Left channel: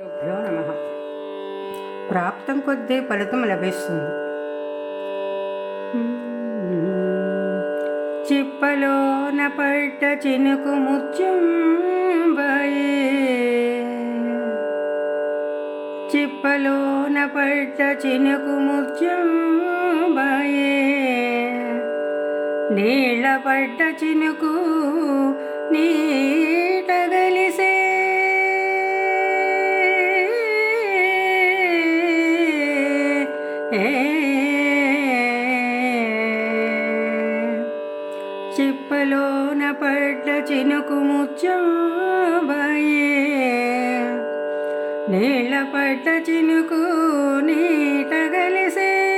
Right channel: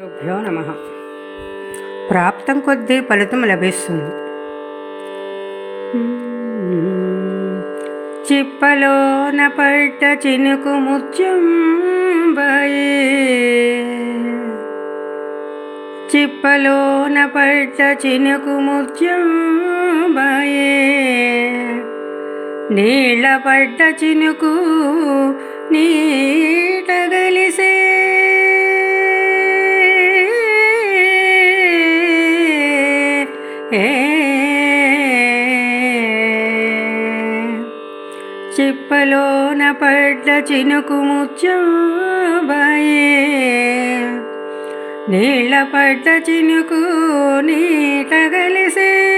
గురుభ్యో నమ. ప్రాప్తం కొద్దీ ఫలితం లభిస్తుంది. చిప్పలోన పట్ట చినుకు ముత్యం చిప్పలోన పట్ట చినుకు ముత్యం నీళ్ళ పడ్డ చినుకు నీట గలిసే చిప్పలోన పడ్డ చినుకు ముచ్చబాయే. నీళ్ళ పడ్డ చినుకు నీట గలిసే.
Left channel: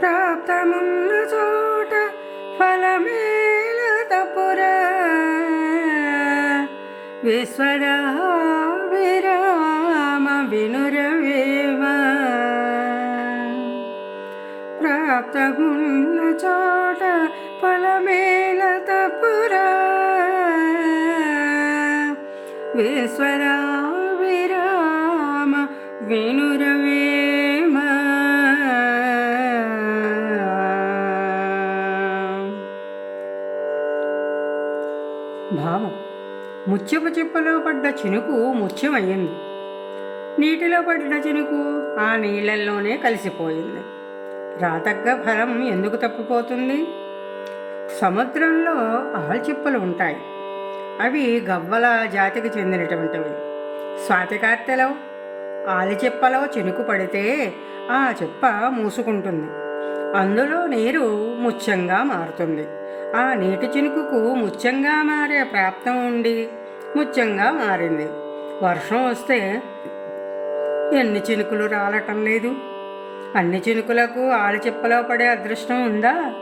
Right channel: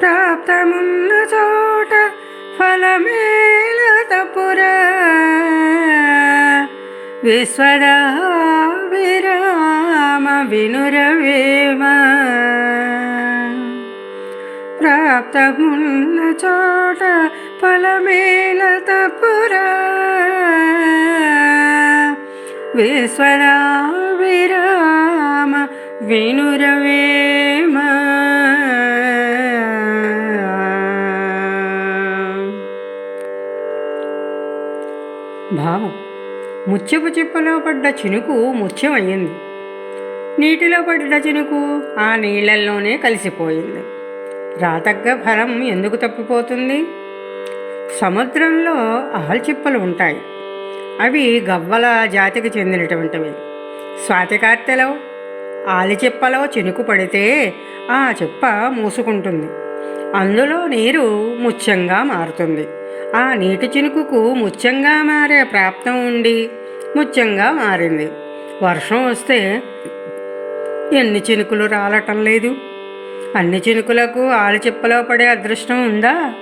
ప్రాప్తమున్న చోట ఫలమేల తప్పురా. విశ్వదా విరామ వినురవేమా. ప్రాప్తమున్న చోట ఫలమేల తపురా విశ్వదా విరామ వినురవేమ. భావం. ముత్యపు చిప్పలో పడ్డ చినుకు ముత్యమయ్యింది. నీటిలో పడ్డ చినుకు ఆ నీళ్ళల్లోనే కలిసిపోయింది. రాతగ్గ ఫలం ఎందుకు తప్పిపోతుంది? సముద్రంలో ఆల్చిప్పలు ఉంటాయి. అవి గవ్వల జాతికి చెందినటువంటివి. స్వాతికార్తెలో ఆలిచిప్పలో చినుకు పడితే ఆ చిప్ప మూసుకుంటుంది. అందులో నీరు ముత్యంగా మారుతుంది. ఆ నీటి చినుకుకు ముత్యంగా మారే ప్రాప్తం ఉండి ముత్యంగా మారింది. వర్షం వస్తే ఎన్ని చినుకులు రాలటం లేదు. అన్ని చినుకులకు ఆలిచిప్పలో పడే అదృష్టం ఉందా?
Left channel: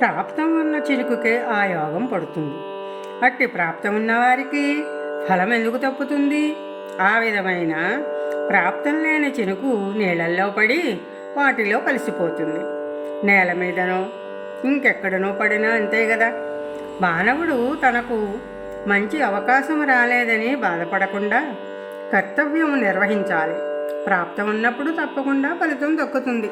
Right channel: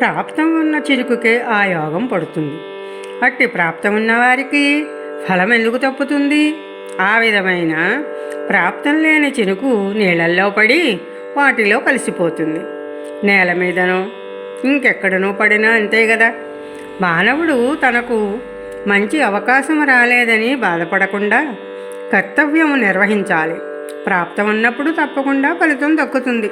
ప్రాప్తం ఉన్న చినుకుకే ఆ యోగం పడుతుంది. అట్టి ప్రాప్తం ఉన్నవారికి ఫలం ఎందుకు తప్పుతుంది? ఆ విధమైన ప్రాప్తం లేని చినుకు నీళ్ళల్లో పడి వాటిలో కలిసిపోతుంది. నేల మీదనో ఇంకెక్కడనో పడినా అంతే కదా మానవుడు తనకు మంచి అవకాశం రాలేదని బాధపడకుండా కర్తవ్యం నిర్వహించాలి. ప్రాప్తం ఉన్నప్పుడు తప్పకుండా ఫలితం దక్కుతుంది.